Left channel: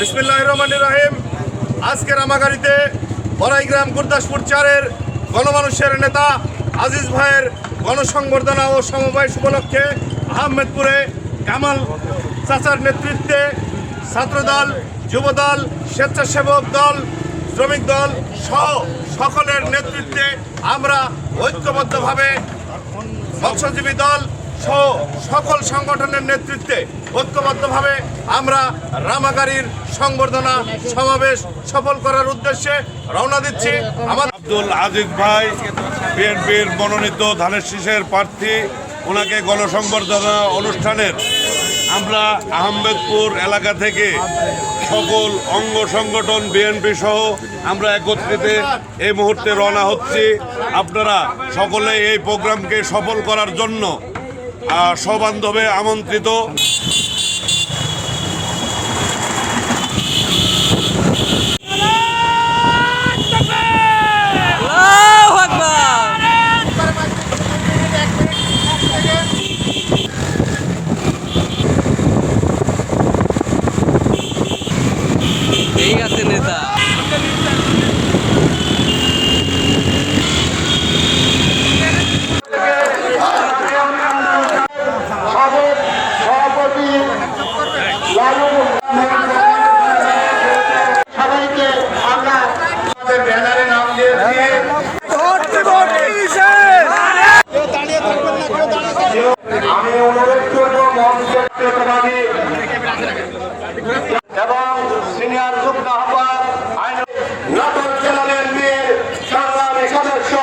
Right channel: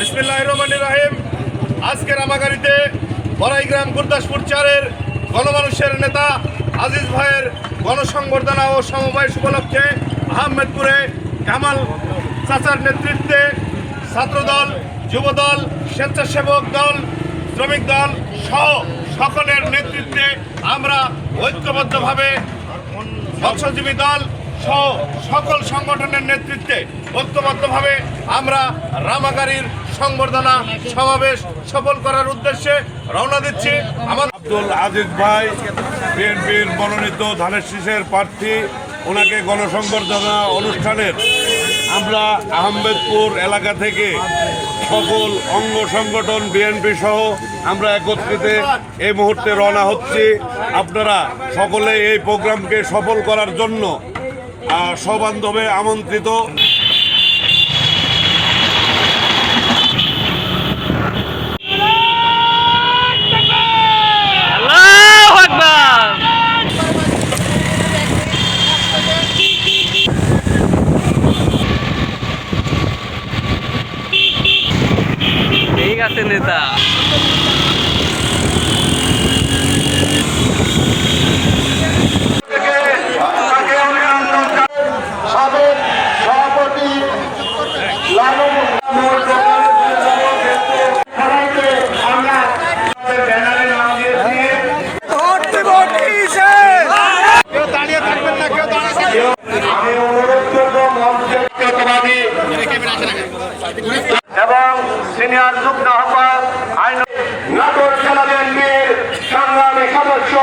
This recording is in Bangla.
বিসমিল্লাহির রহমানির রহিম। আজকে রামাগাড়িতে বড়াইগ্রাম গুরদাসপুর 4-এর গণমানুষের নেতা আজিজ ভাইয়ের গণসংবর্ধনা ও সমবায় উপলক্ষে আহমেদপুরে কামাল চাচার নেতৃত্বে ছাত্রদল, যুবদল, স্বেচ্ছাসেবক দল, শ্রমিক দল সহ সকলের নেতৃত্বে আমরা ঐক্যবদ্ধভাবে মৎস্যজীবী দল সহ সকল সংগঠনের নেতৃত্বে ঐক্যবদ্ধভাবে আমরা রামাগাড়ির সংবর্ধনা সমাবেশ সফল করার উদ্দেশ্যে রওনা দিচ্ছি। আমার আব্দুল আজিজ ভাই বিএনপির মনোনীত ধানের শীষের প্রার্থী, ওনাকে গণসংবর্ধনা অনুষ্ঠানের আমরা আহমেদপুর এলাকা থেকে সকল অঙ্গ সংগঠন বিএনপি সহ আমরা একত্রিত এই মুহূর্তে রওনা হচ্ছি। আপনারা সকলে এই প্রোগ্রামকে সফল করার জন্য সবান্ধবে আমন্ত্রিত। ঠিক আছে নেতা।